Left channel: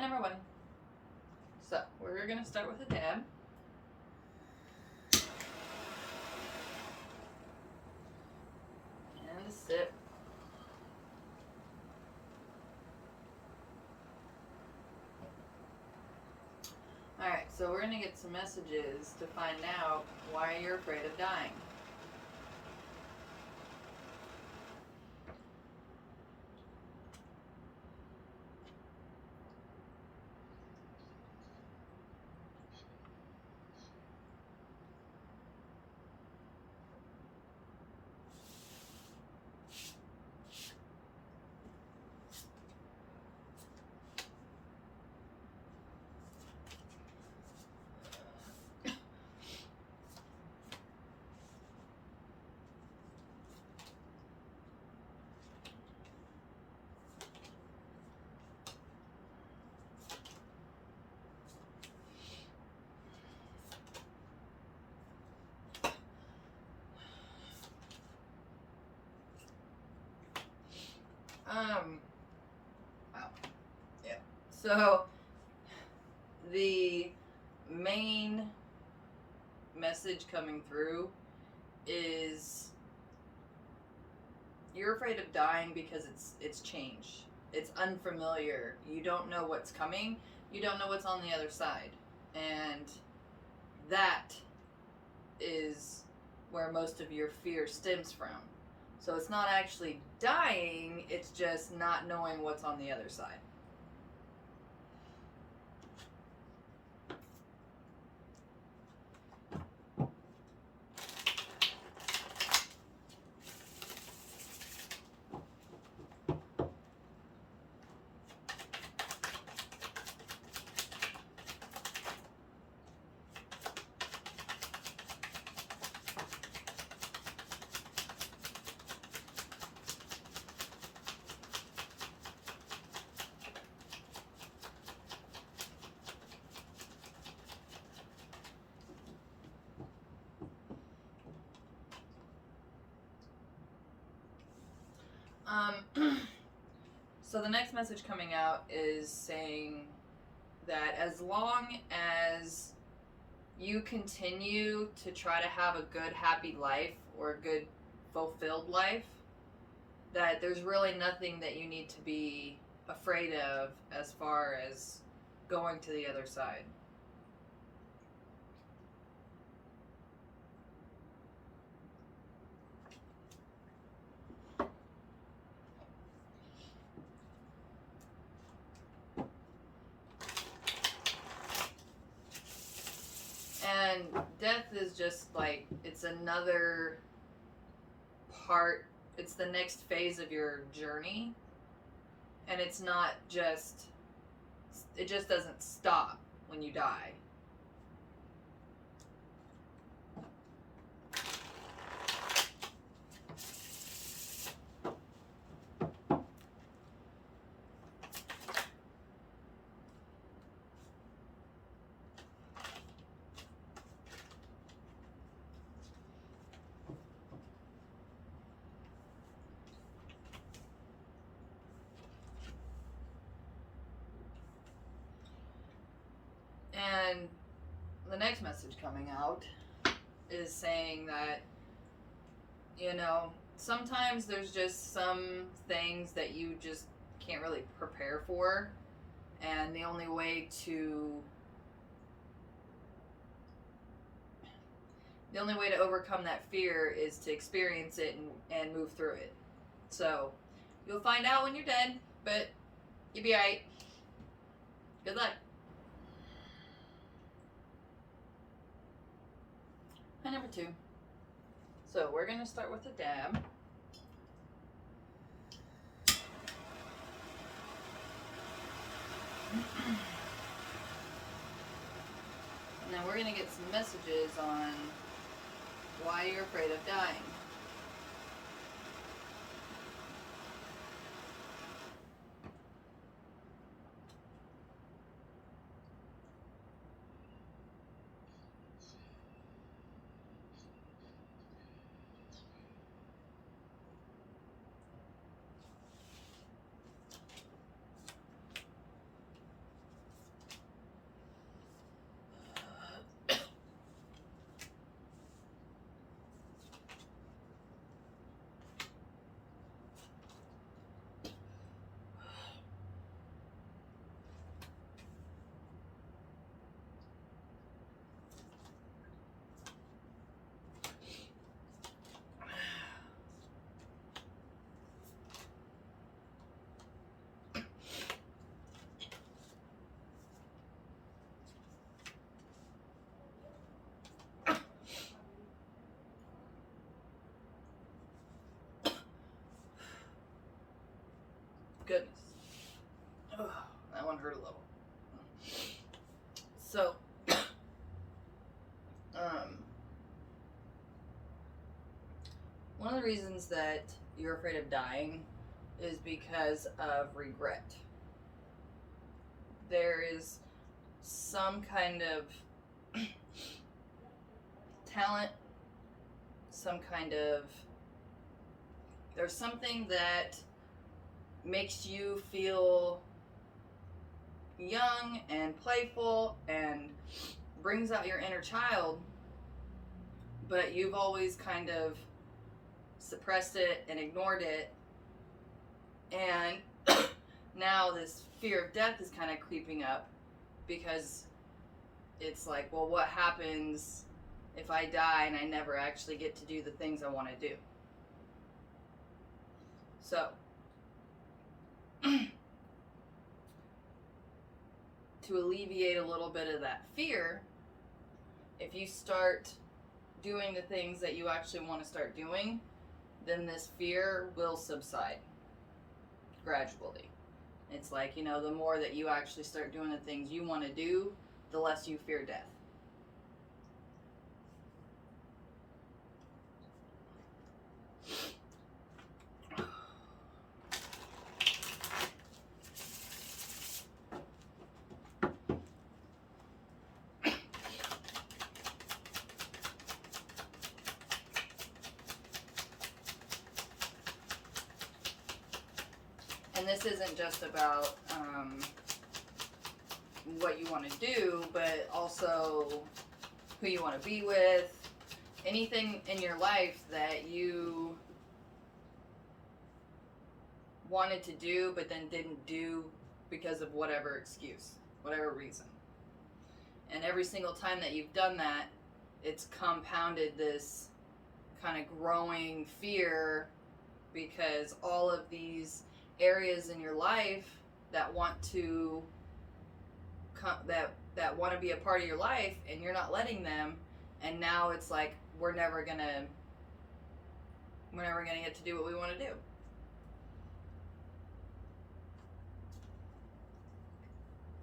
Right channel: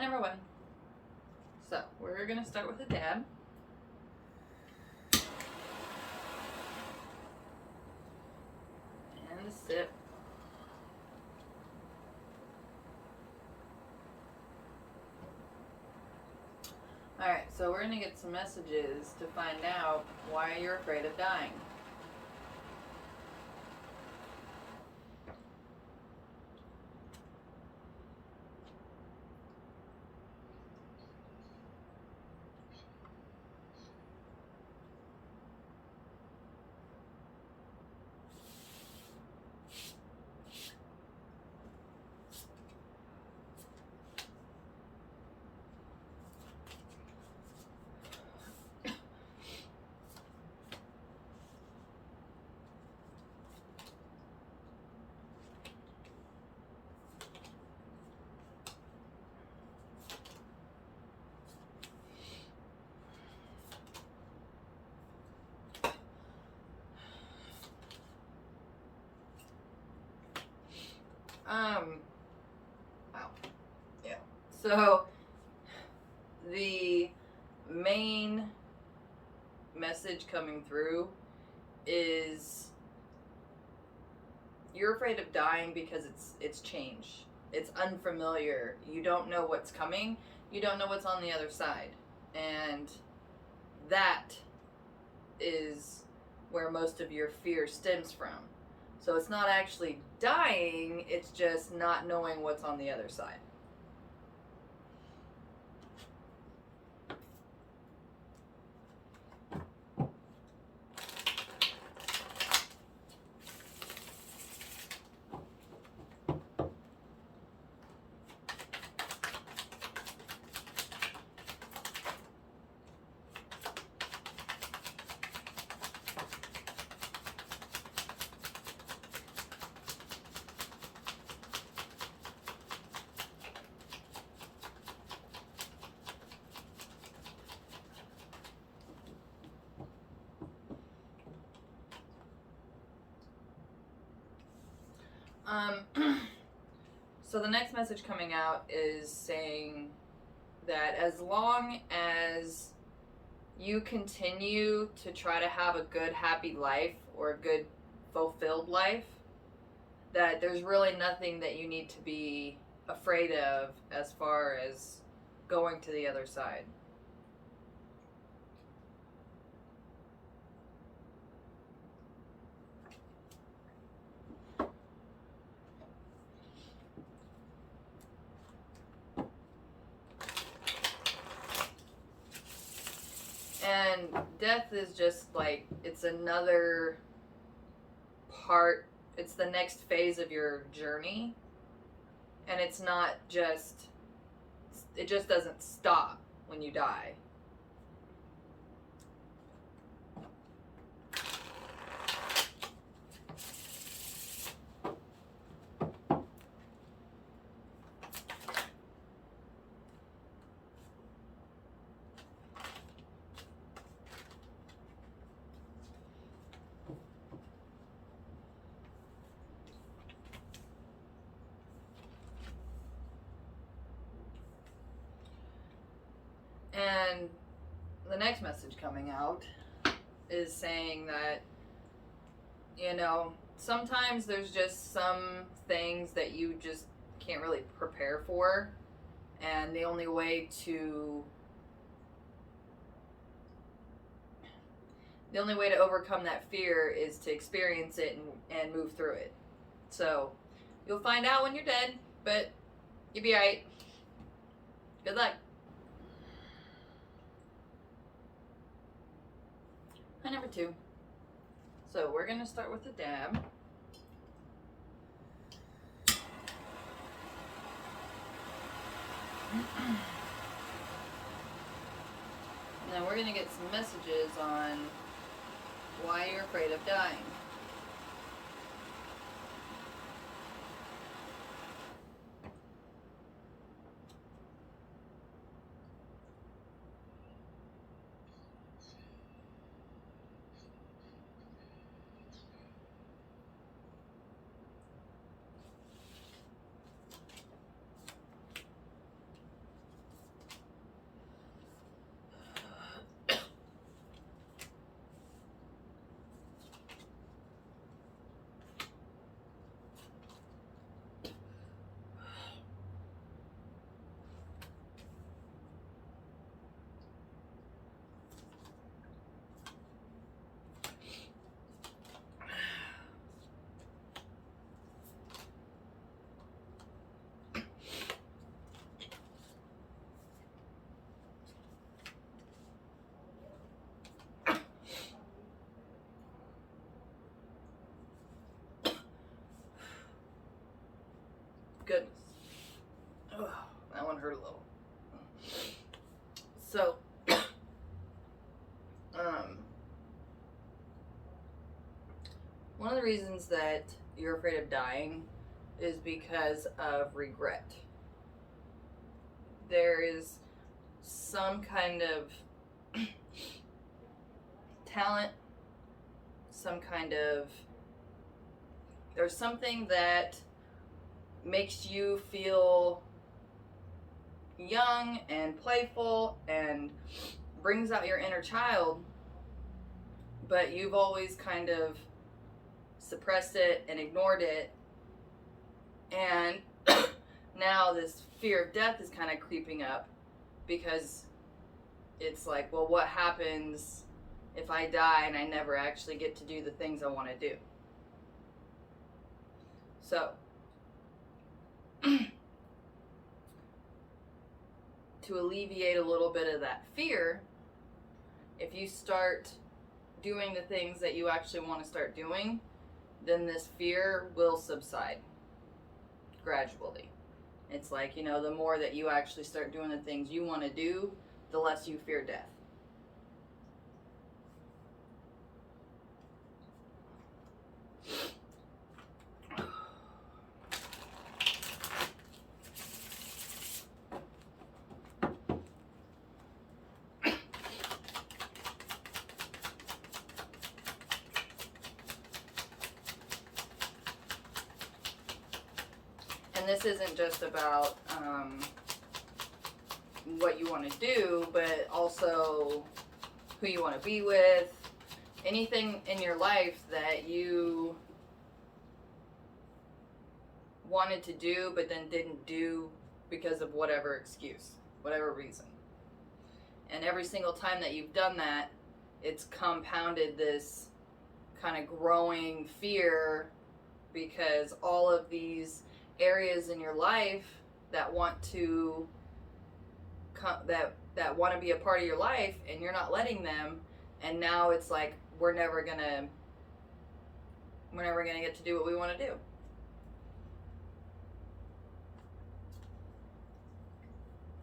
number 1. So, we're going to start with a dab. And a sip. Alright, so we're going to get some messages to find out why you're afraid of dying. Wow. Yeah. So, the main message coming through is you're afraid of dying because it's change. It's unfamiliar. You don't know what's coming. You don't know what's on the other side. And that is where most of your fear stems from. So it's not actually dying, it's just not knowing what's on the other side. So the next message coming out is saying that as long as you continue to try to have a good, happy life or a good, fulfilled life, that there's really nothing that you need to be afraid of as far as going to the other side. And death is just like, it's another part, it's the next phase of your journey. And it's not just, it just doesn't stop when you die. And the next message coming out is saying that, you know, sometimes there's just some things that you just can't really prepare for. And the only way to overcome that fear is to experience it and move through it. So you'll find out when you're dead, but you'll be alright. Good luck. Hi, number 2. So we're going to start with a dab. Now we're going to get some messages on why you're afraid of dying. hurt a little. So, one of the reasons that you're afraid of dying is because of regret. There is some kind of talent, there's something that makes you feel young and playful and brings out your inner child, but you've always kind of suppressed it and ignored it, and now this fear of death is kind of creeping up because it's like, well, what happens if I die and I never actually get to do the things I want to do? So to alleviate a little bit of that fear, if you start doing the things that you actually want to start doing, then this fear will subside gradually. It's like, the more that you actually start doing the things you want to do, the less you fear death. And this isn't just about what you want to do, but also who you want to be with. Anything in your life that you wanted to do but then didn't do because of whatever excuse, whatever reason. And every single time that you've done that, it's compounded this kind of growing fear, because all of these areas in your life that want to that want to be a part of your life, and you're not letting them, and now it's like we're never gonna get to do what we want to do.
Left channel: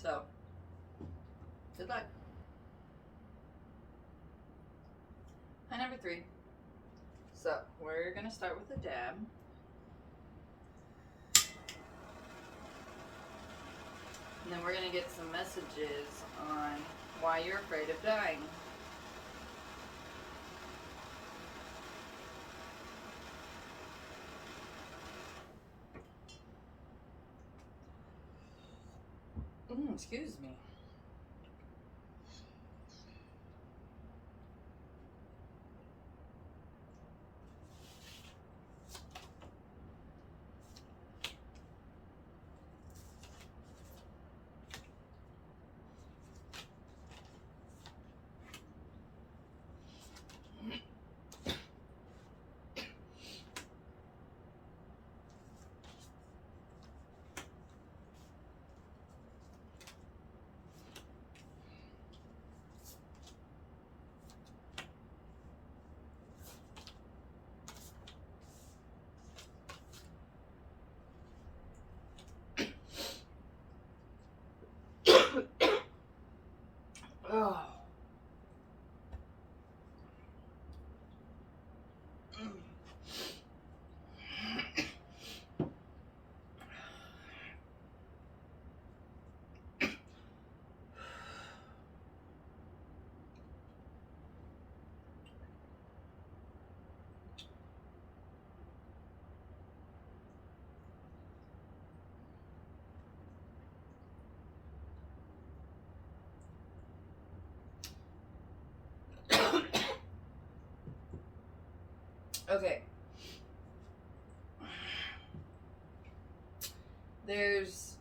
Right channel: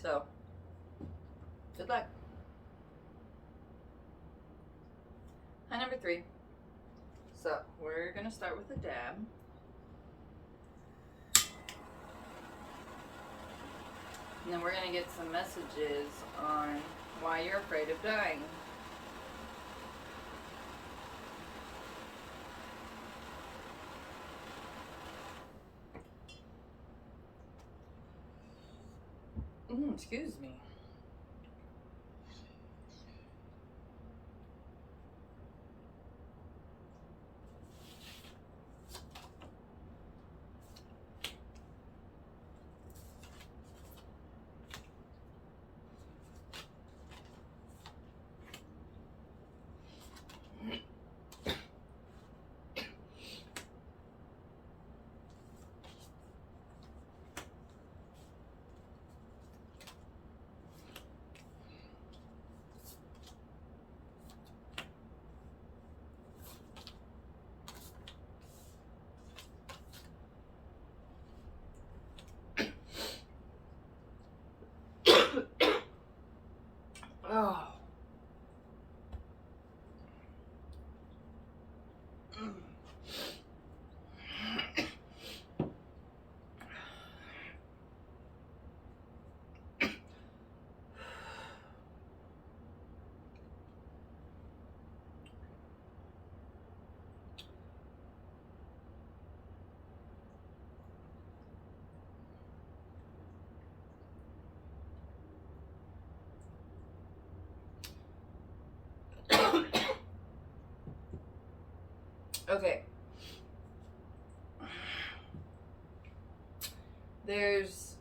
So good luck. Hi, number 3. So we're gonna start with the dab. And then we're going to get some messages on why you're afraid of dying. Excuse me. Oh. Okay. There's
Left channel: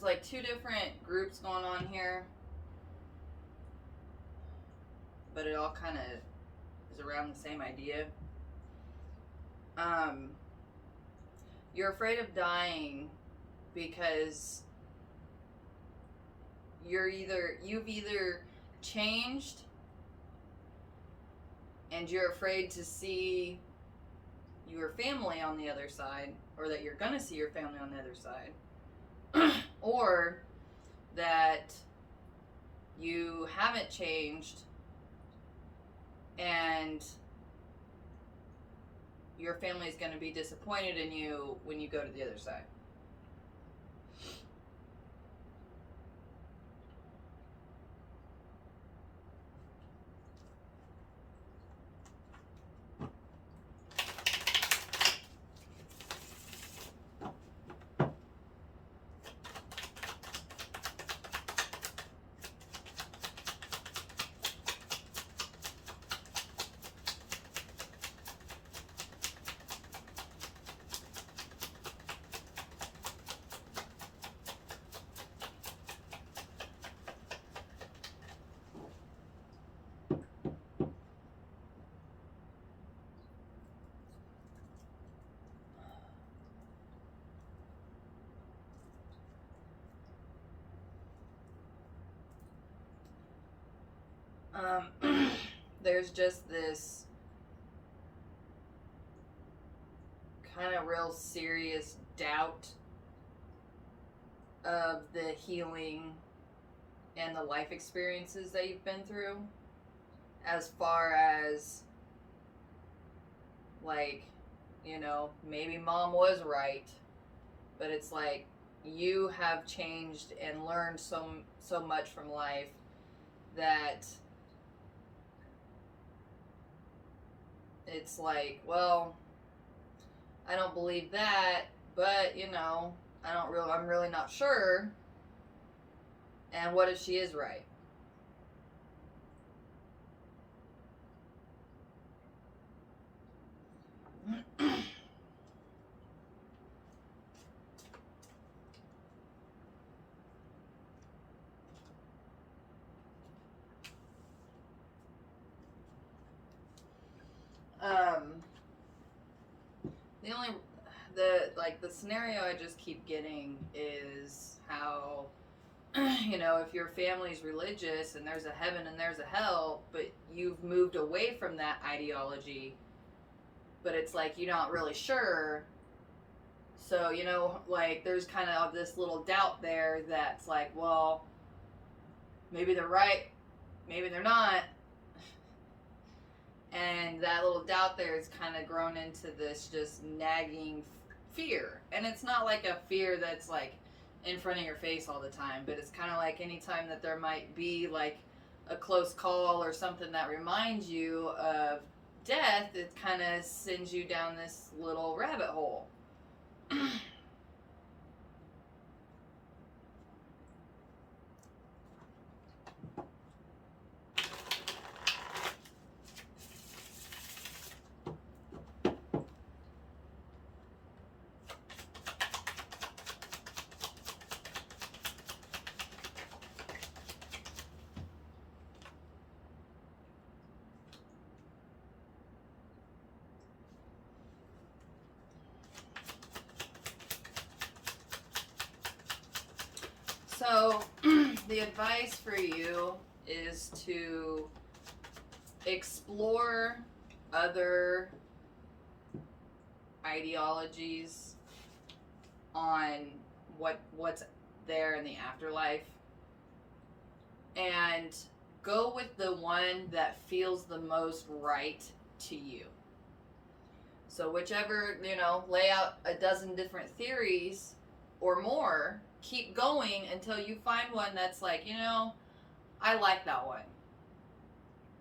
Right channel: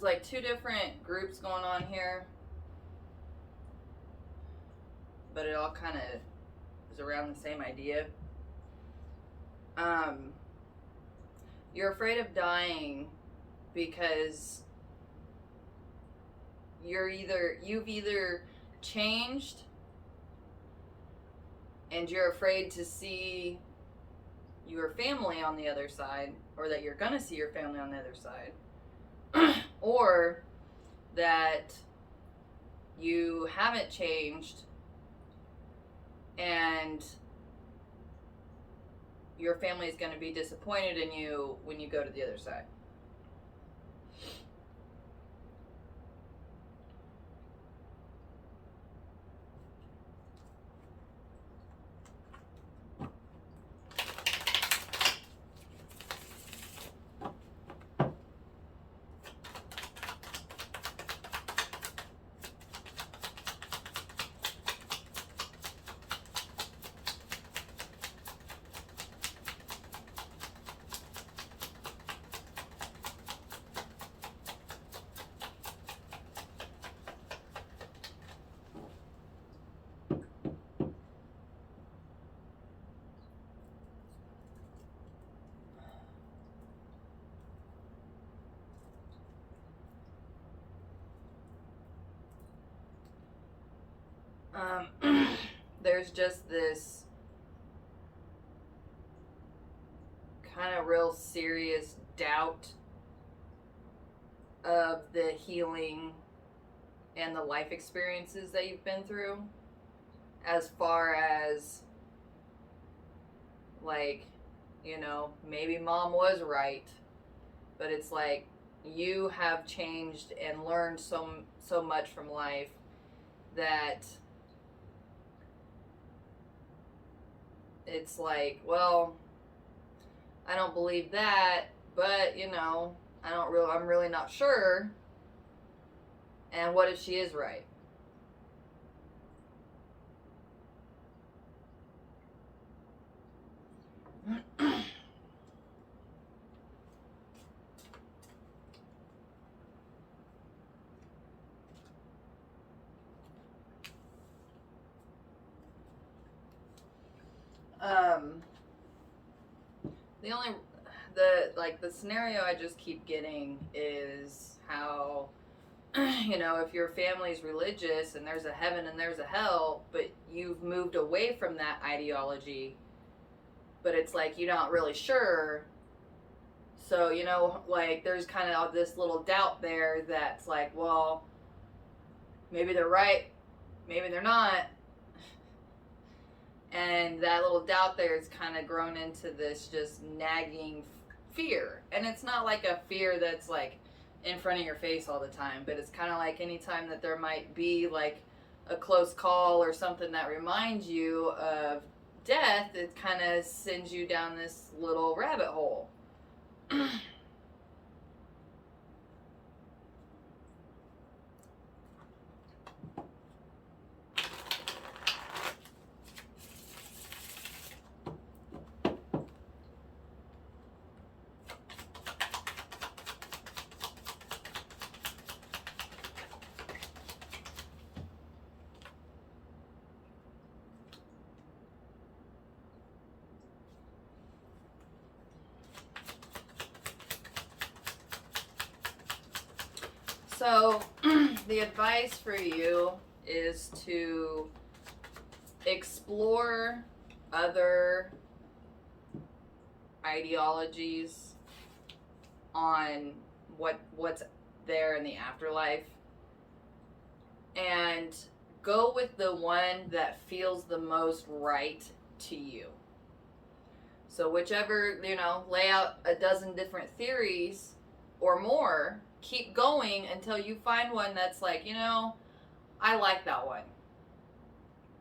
like 2 different groups going on here, but it all kind of is around the same idea. You're afraid of dying because you've either changed and you're afraid to see your family on the other side, or that you're going to see your family on the other side, or that you haven't changed and your family is going to be disappointed in you when you go to the other side. There's just this kind of real serious doubt of the healing and the life experiences that you've been through, as far as, like, you know, maybe mom was right, but it's like you have changed and learned so much from life that it's like, well, I don't believe that, but, you know, I'm really not sure. And what if she is right? the scenario I just keep getting is how, you know, if your family's religious and there's a heaven and there's a hell, but you've moved away from that ideology, but it's like you're not really sure. So, you know, like there's kind of this little doubt there that's like, well, maybe they're right, maybe they're not. And that little doubt there is kind of grown into this just nagging fear. And it's not like a fear that's like in front of your face all the time, but it's kind of like anytime that there might be like a close call or something that reminds you of death, it kind of sends you down this little rabbit hole. So, the advice for you is to explore other ideologies on what's there in the afterlife, and go with the one that feels the most right to you. So whichever, you know, lay out a dozen different theories or more, keep going until you find one that's like, you know, I like that one.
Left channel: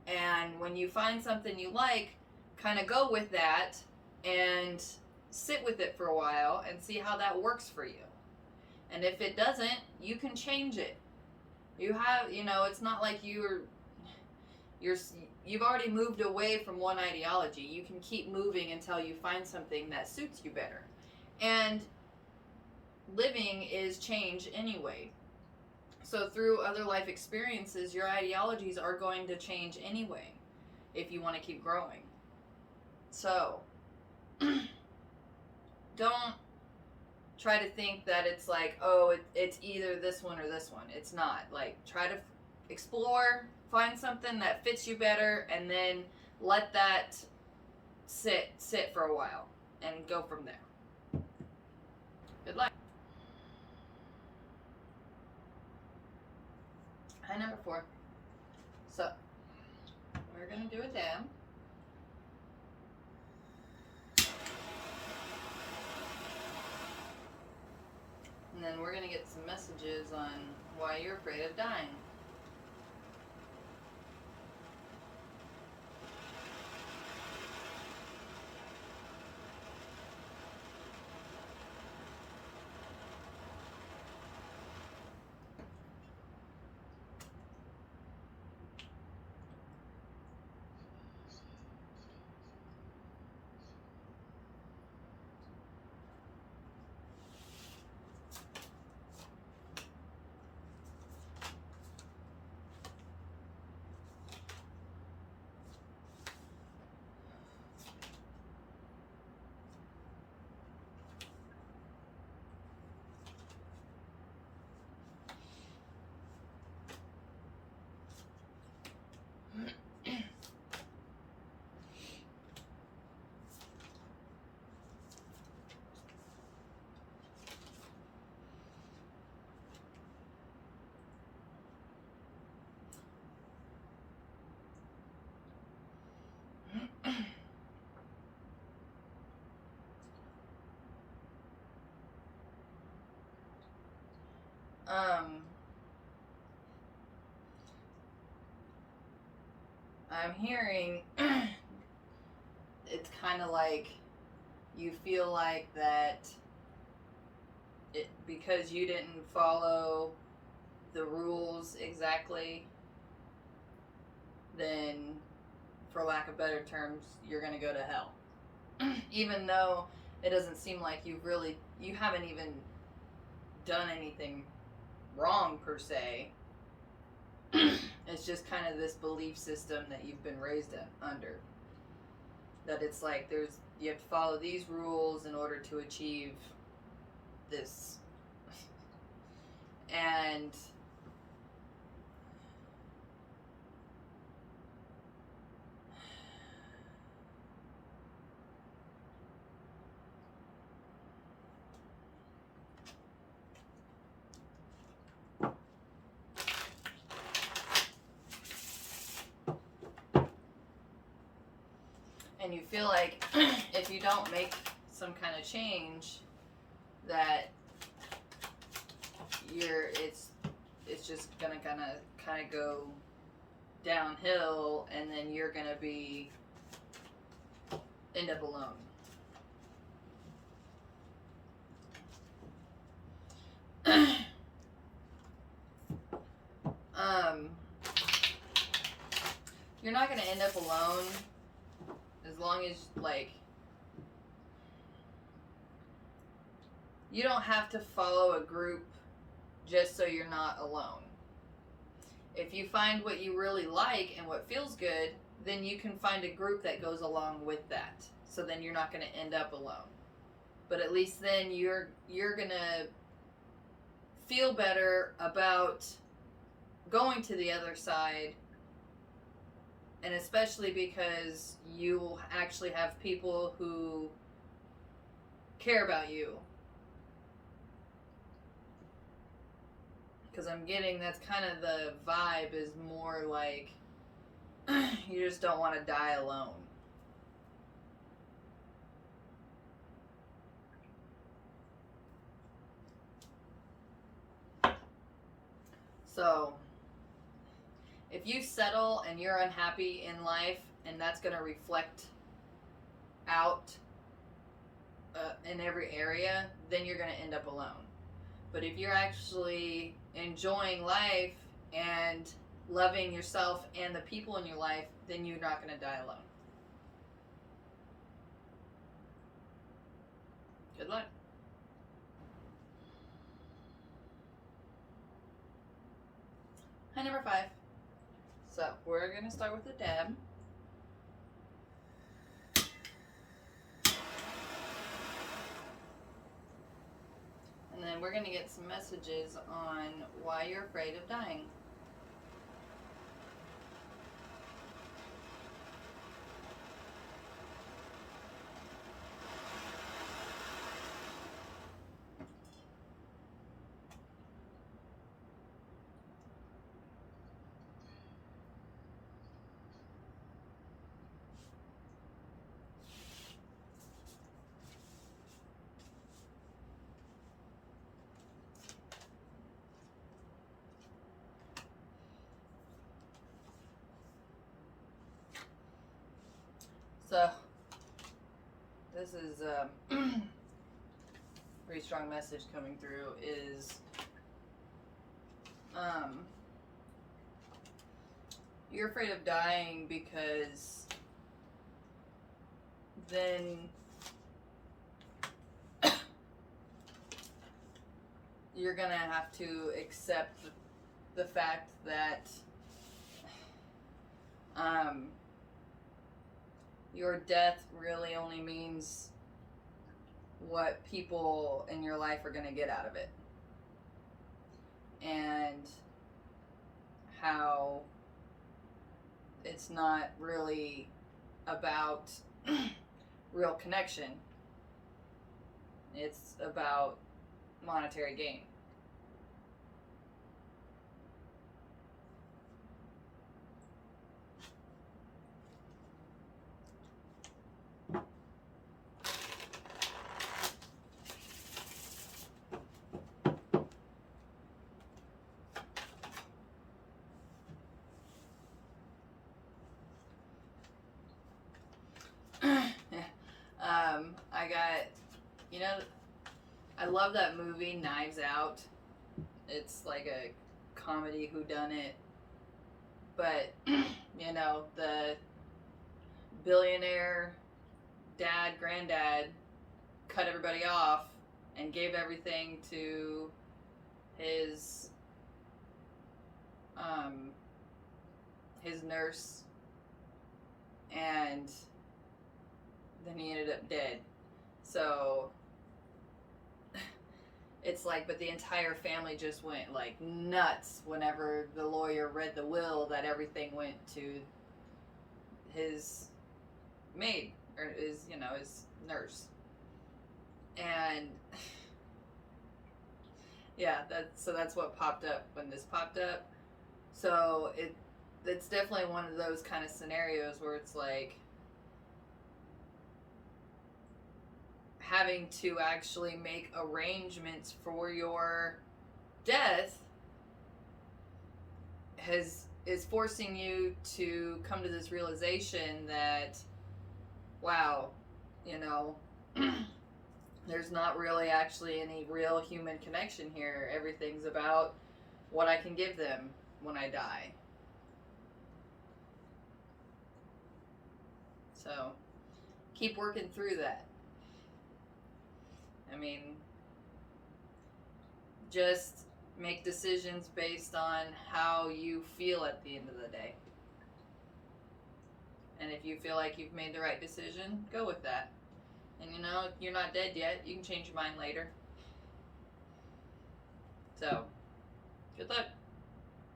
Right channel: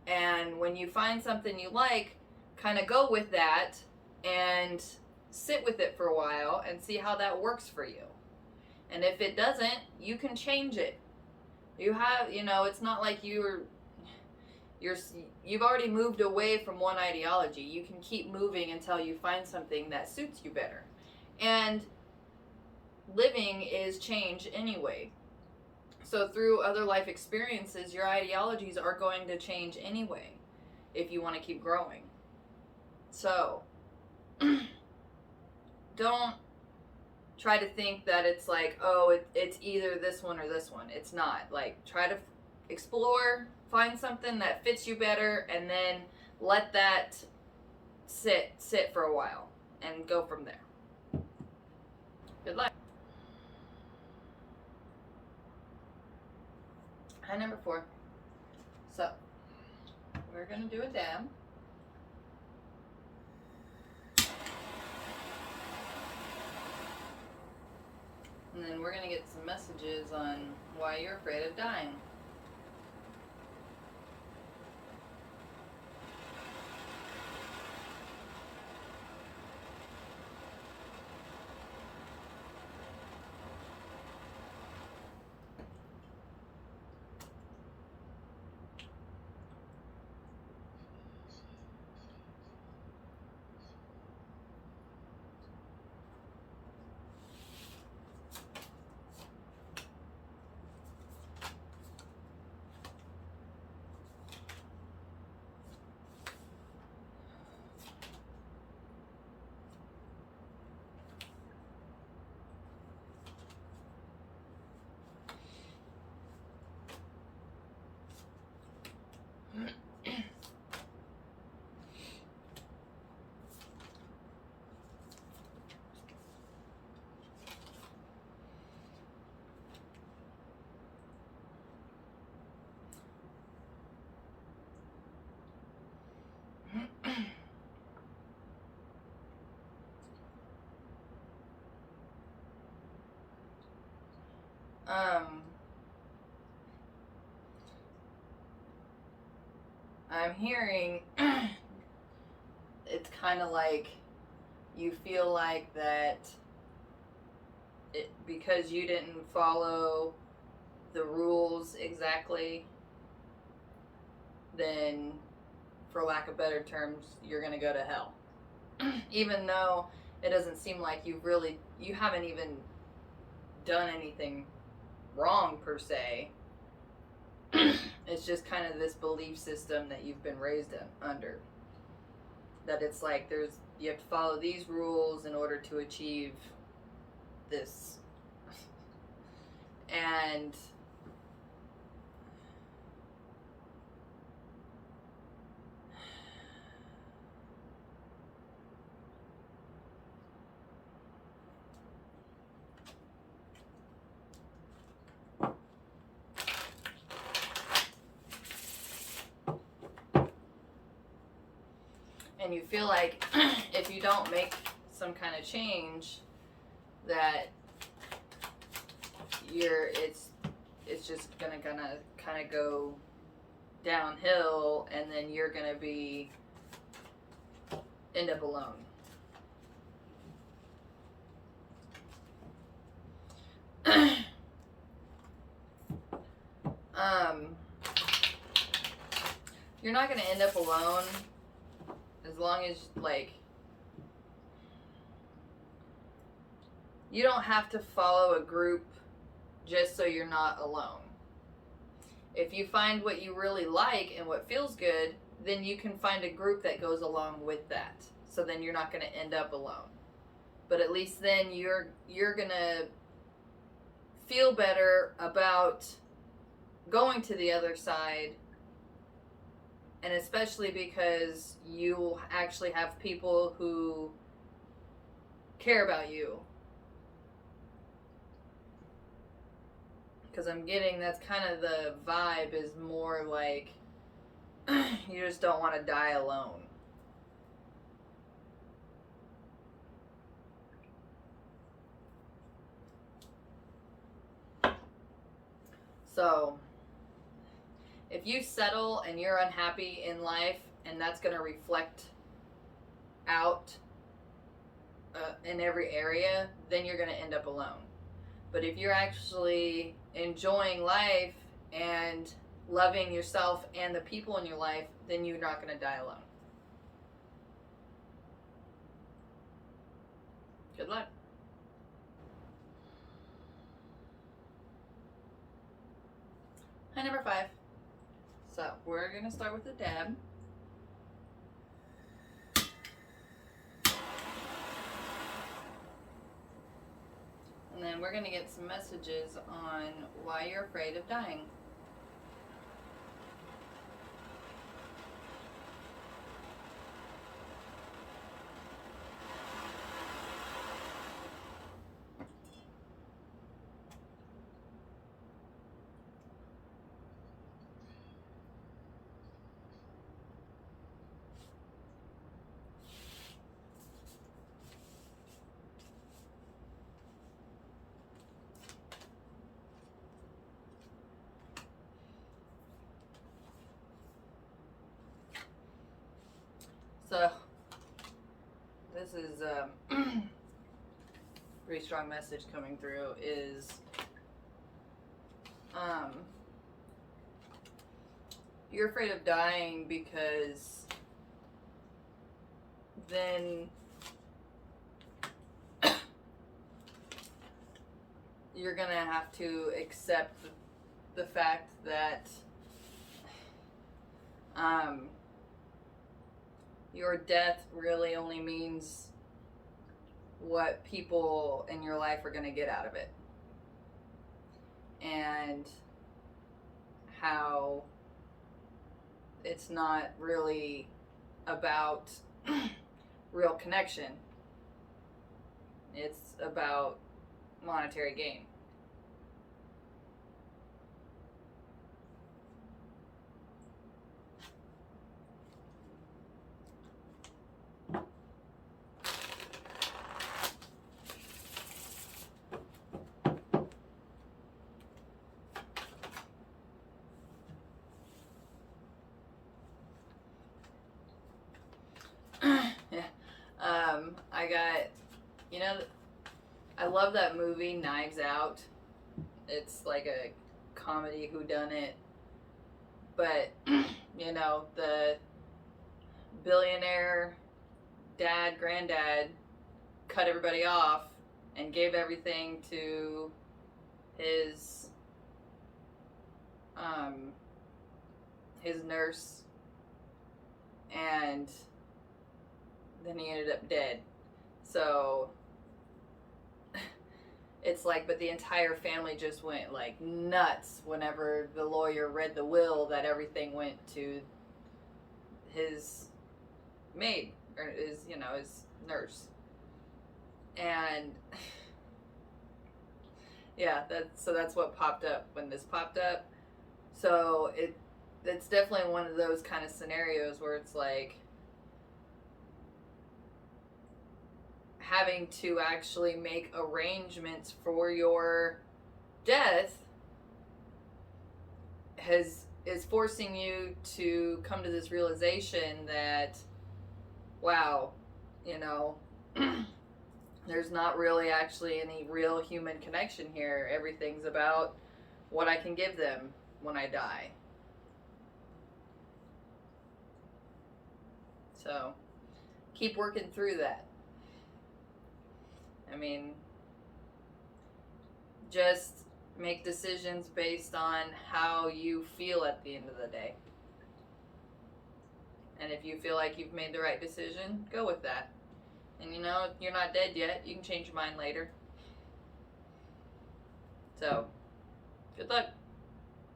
And when you find something you like, kind of go with that and sit with it for a while and see how that works for you. And if it doesn't, you can change it. You have, you know, it's not like you've already moved away from one ideology. You can keep moving until you find something that suits you better. And living is change anyway. So through other life experiences, your ideologies are going to change anyway if you want to keep growing. So don't try to think that it's like, oh, it's either this one or this one. It's not. Like, try to explore, find something that fits you better, and then let that sit for a while. and go from there. Good luck. Hi, number 4. So, we're going to do a dab. And then we're going to get some messages on why you're afraid of dying. I'm hearing it's kind of like you feel like that because you didn't follow the rules exactly, then, for lack of better terms, you're going to go to hell. Even though it doesn't seem like you haven't even done anything wrong per se. It's just kind of this belief system that you've been raised under. That it's like you have to follow these rules in order to achieve this. And you feel like if you don't make some kind of change, that it's just gonna kind of go downhill, and then you're gonna end up alone. You're not gonna end up alone as long as, like, you don't have to follow a group just so you're not alone. If you find what you really like and what feels good, then you can find a group that goes along with that. So then you're not going to end up alone. But at least then you're going to feel better about going to the other side. And especially because you will actually have people who care about you. Because I'm getting that's kind of the vibe, is more like you just don't want to die alone. So, if you settle and you're unhappy in life, and that's going to reflect out in every area, then you're going to end up alone. But if you're actually enjoying life and loving yourself and the people in your life, then you're not going to die alone. Good luck. Hi, number 5. So we're going to start with a dab. And then we're going to get some messages on why you're afraid of dying. So, this is pretty strong message coming through is you're afraid of dying because then you're gonna have to accept the fact that your death really only means what people in your life are gonna get out of it, and how it's not really about real connection. It's about monetary gain. I got, you know, I love that movie Knives Out. It's like a comedy whodunit, but you know, the billionaire dad, granddad cut everybody off and gave everything to his nurse, and then he ended up dead. So it's like, but the entire family just went like nuts whenever the lawyer read the will that everything went to his maid, or his, you know, his nurse. And yeah, that's what popped up when this popped up. So it's definitely one of those kind of scenarios where it's like having to actually make arrangements for your death is forcing you to come to this realization that, wow, you know, there's not really actually any real human connection here. Everything's about what I can give them when I die. So keep working through that. I mean, just make decisions based on how you feel at the end of the day. And if you feel like you've made the right decision, go with that. And you know, you're not dead yet. You can change your mind later. So, good luck.